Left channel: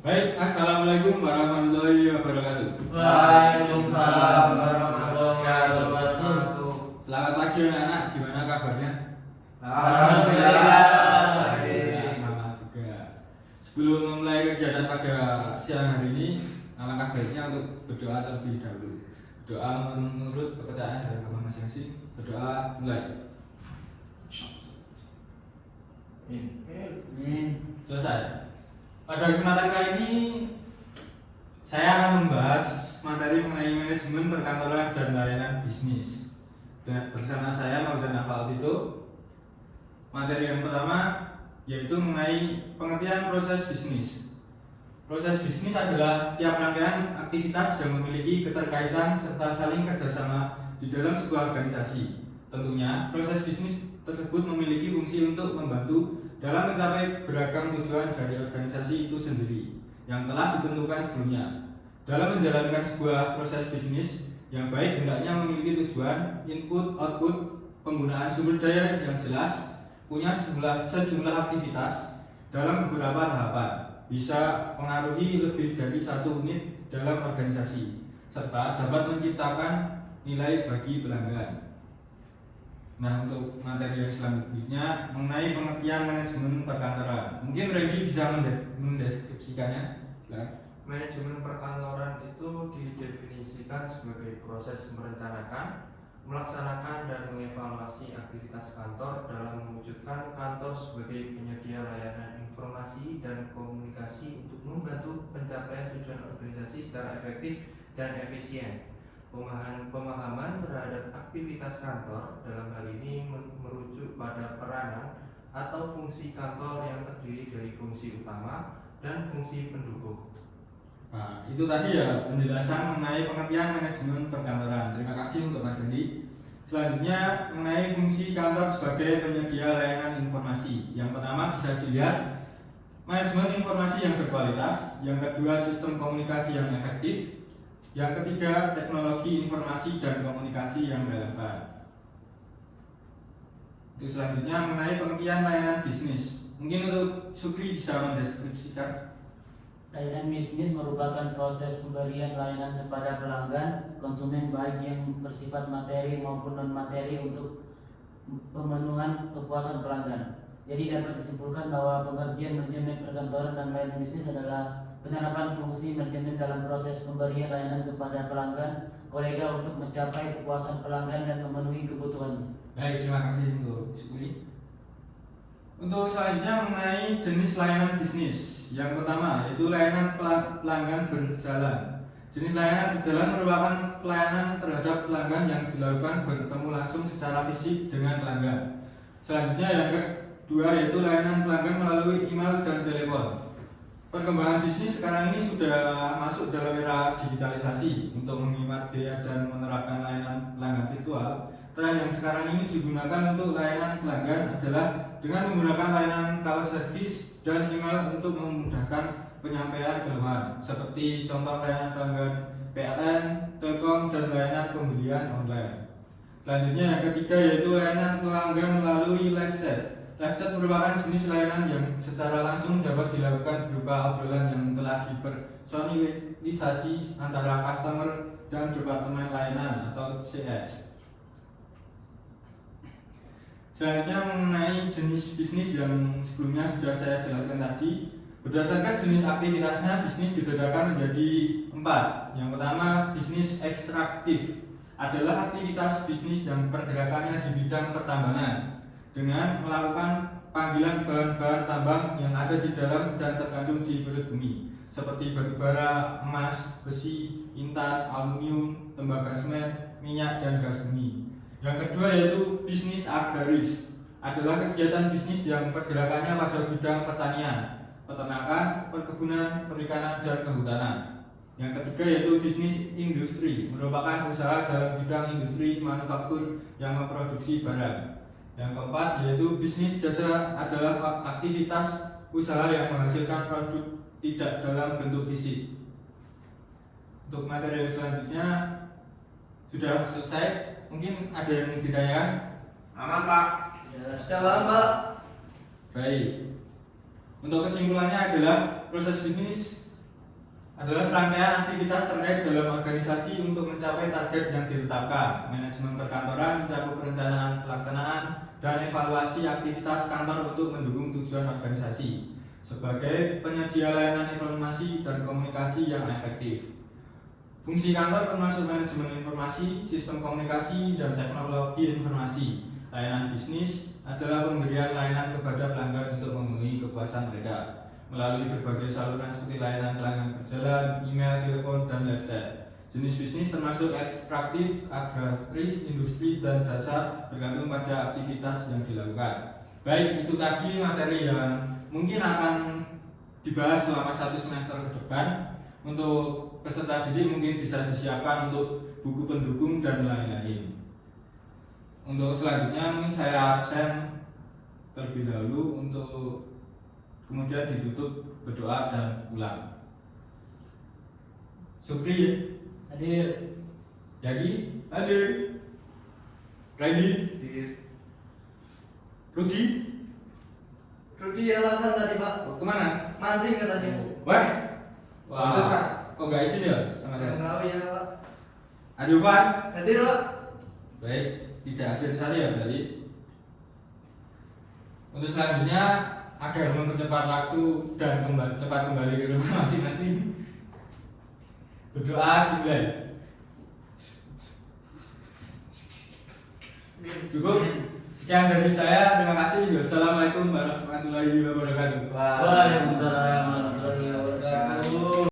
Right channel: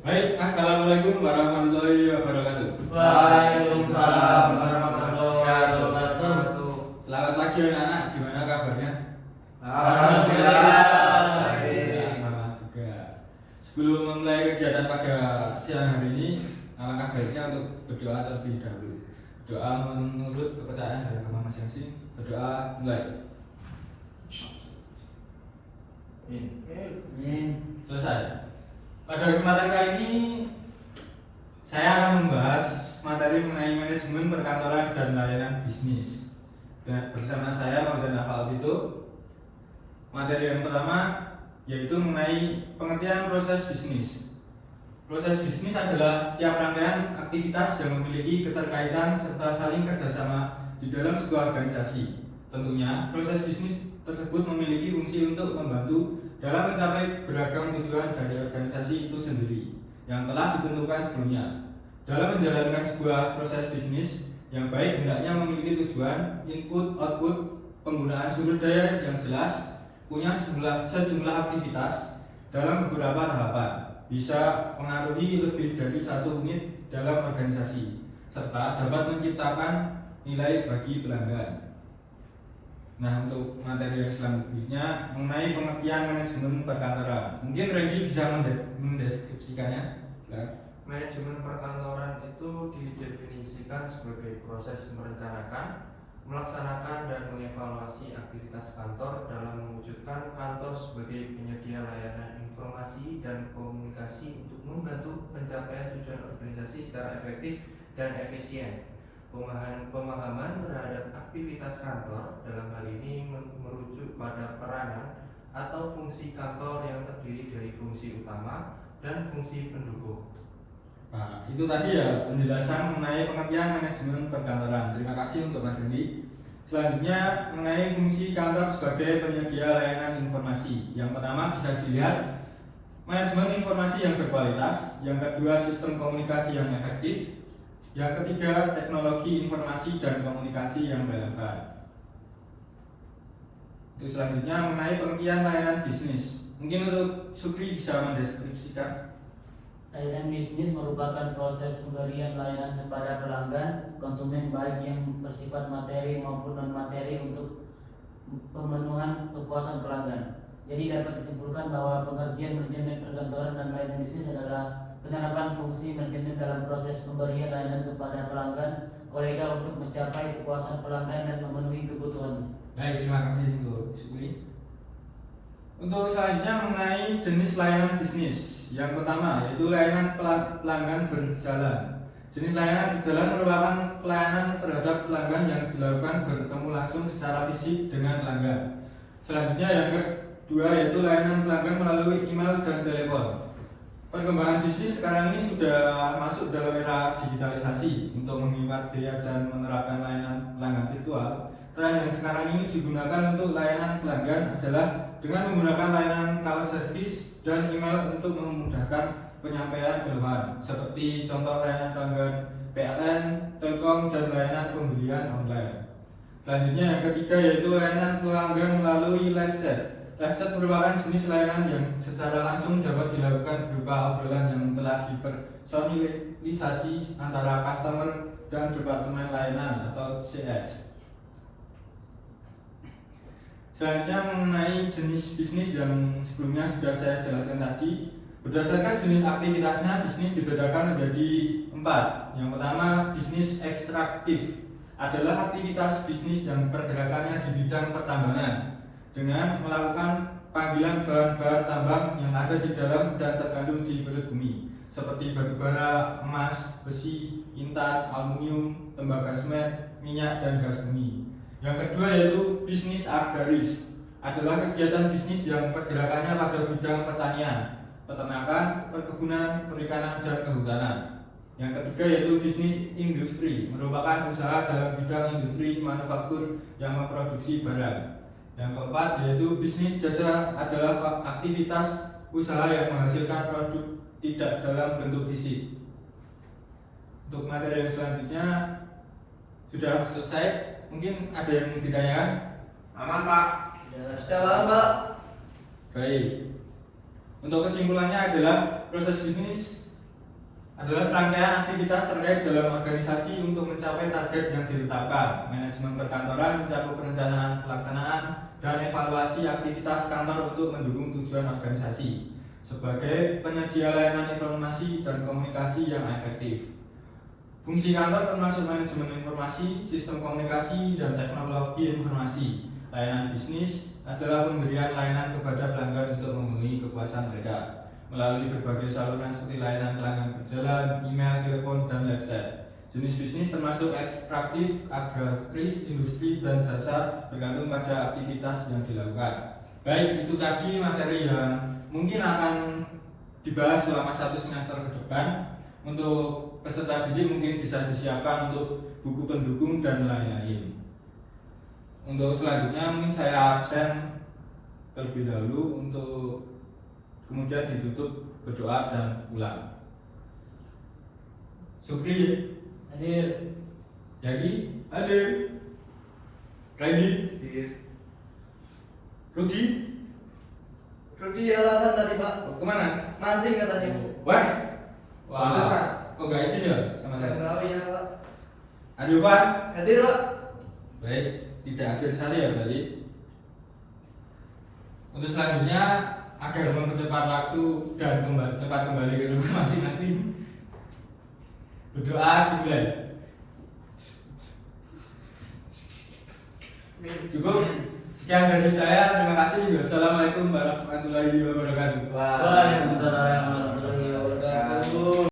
Baik, assalamualaikum warahmatullahi wabarakatuh. Waalaikumsalam warahmatullahi wabarakatuh. Selamat pagi anak-anak, gimana kabarnya? Alhamdulillah. Ya, sama juga. Sebelum memulai kegiatan pada siang hari ini, alangkah baiknya untuk berdoa terlebih dahulu. Doa menurut kepercayaan dari agama masing-masing. Berdoa mulai. Selesai. Pada kesempatan kali ini saya akan membahas materi mengenai manajemen perkantoran dan layanan bisnis. Bersama saya Maulana Nafal itu. Materi yang pertama yaitu mengenai pengertian proses bisnis. Proses bisnis adalah tiap rangkaian aktivitas yang memiliki keterkaitan serta saling kerjasama di dalam sebuah organisasi. Tentunya proses bisnis tersebut memiliki fungsi untuk membantu dalam mencapai beragam tujuan dari organisasi itu sendiri yang telah ditentukan sebelumnya. Dalam menjalankan sebuah proses bisnis yang baik hendaknya memiliki tujuan, input, output, penggunaan sumber daya yang jelas, punya sejumlah aktivitas dalam beberapa tahapan, bisa mengaruhi lebih dari satu unit dalam organisasi, serta dapat menciptakan nilai bagi pelanggan. Nah, untuk materi yang selanjutnya mengenai pengertian manajemen perkantoran, mungkin Regi bisa mendeskripsikannya. Manajemen perkantoran itu didefinisikan sebagai proses merencanakan, melaksanakan dan mengevaluasi aktivitas kantor dalam mewujudkan kantor sebagai penyedia layanan informasi dan komunikasi untuk membantu pencapaian tujuan organisasi secara efektif dan efisien. Pemahaman terhadap aktivitas kantor dalam hal ini merujuk pada peranan atau fungsi kantor yang terdiri dari fungsi utama dan fungsi pendukung. Nah, itu tadi ya penjelasan mengenai pengertian manajemen perkantoran. Terima kasih untuk Mas Dendi. Selanjutnya mengenai fungsi kantor sebagai penyedia layanan informasi. Yang pertama bisa dilihat manajemen informasi yang berkualitas, yang kedua sistem komunikasi yang efektif, yang ketiga teknologi informasi dan komunikasi yang relevan. Selanjutnya mengenai pengertian layanan bisnis. Mungkin untuk Sukri bisa mendeskripsikan. Layanan bisnis merupakan proses pemberian layanan kepada pelanggan konsumen baik yang bersifat materi maupun non materi untuk pemenuhan kepuasan pelanggan. Jadi dapat disimpulkan bahwa pengertian manajemen perkantoran dan layanan bisnis adalah penerapan fungsi manajemen dalam proses pemberian layanan kepada pelanggan kolega untuk mencapai kepuasan pelanggan dan memenuhi kebutuhannya. Baik, terima kasih untuk Sukri. Untuk selanjutnya mengenai jenis layanan bisnis. Yang pertama yaitu layanan pelanggan berjalan. Jenis layanan berjalan merupakan pelayanan terhadap pelanggan yang dilakukan bertemu langsung secara fisik dengan pelanggan. Selanjutnya yang kedua yaitu layanan pelanggan melalui email dan telepon. Perkembangan bisnis sekarang ini sudah masuk dalam era digitalisasi untuk menghemat biaya dan menerapkan layanan pelanggan virtual. Tren yang sekarang ini digunakan untuk layanan pelanggan adalah dengan menggunakan layanan call service dan email untuk memudahkan penyampaian keluhan, seperti contoh layanan pelanggan PLN, Telkom, dan layanan pembelian online. Selanjutnya yang ketiga yaitu layanan pelanggan melalui live chat. Live chat merupakan jenis layanan yang secara langsung dapat dilakukan berupa obrolan yang telah dipersonalisasi antara customer dan departemen layanan atau CS. Selanjutnya mengenai jenis bisnis yang sebelumnya sudah saya jelaskan tadi, berdasarkan jenis aktivitasnya bisnis dibedakan menjadi 4. Yang pertama, bisnis ekstraktif adalah aktivitas bisnis yang pergerakannya di bidang pertambangan dengan melakukan panggilan bahan-bahan tambang yang ada di dalam dan terkandung di perut bumi seperti batu bara, emas, besi, intan, aluminium, tembaga semen, minyak, dan gas bumi. Yang kedua yaitu bisnis agraris adalah kegiatan bisnis yang pergerakannya pada bidang pertanian, peternakan, perkebunan, perikanan, dan kehutanan. Yang ketiga yaitu bisnis industri, merupakan usaha dalam bidang industri manufaktur yang memproduksi barang. Yang keempat yaitu bisnis jasa adalah aktivitas usaha yang menghasilkan produk tidak dalam bentuk fisik. Untuk materi selanjutnya sudah selesai. Mungkin ada yang ditanyakan? Aman Pak. Sudah paham Pak. Baik. Untuk kesimpulannya adalah proses bisnis adalah serangkaian aktivitas terkait dalam organisasi untuk mencapai target yang ditetapkan. Manajemen perkantoran mencakup perencanaan, pelaksanaan, dan evaluasi aktivitas kantor untuk mendukung tujuan organisasi sebagai penyedia layanan informasi dan komunikasi yang efektif. Fungsi kantor termasuk manajemen informasi, sistem komunikasi, dan teknologi informasi. Layanan bisnis adalah pemberian layanan kepada pelanggan untuk memenuhi kepuasan mereka melalui berbagai saluran seperti layanan pelanggan berjalan, email, telepon, dan live chat. Jenis bisnis termasuk ekstraktif, agraris, industri, dan jasa bergantung pada aktivitas yang dilakukan. Baik, itu tadi materi yang mungkin akan dibahas selama 1 semester ke depan. Untuk peserta didik mungkin bisa disiapkan untuk buku pendukung dan lain-lain. Untuk selanjutnya mungkin saya absen terlebih dahulu untuk kemudian ditutup berdoa dan pulang. Supri Hadir. Yagi hadir. Randy Rudi alasan tadi Pak, kemana? mancing katanya. Wah, Wah. pantes Pak. Kok gak izin ya sama Nggak saya? tahu ya Pak. Aduh Pak. Hadir Pak. Baik, tidak adil sekali ya berarti. Untuk selanjutnya agar mempercepat waktu dan cepat kembali ke rumah masing-masing, berdoa juga. Cukup. Sekian dari saya. Terima kasih. Wassalamualaikum warahmatullahi wabarakatuh. Waalaikumsalam warahmatullahi wabarakatuh.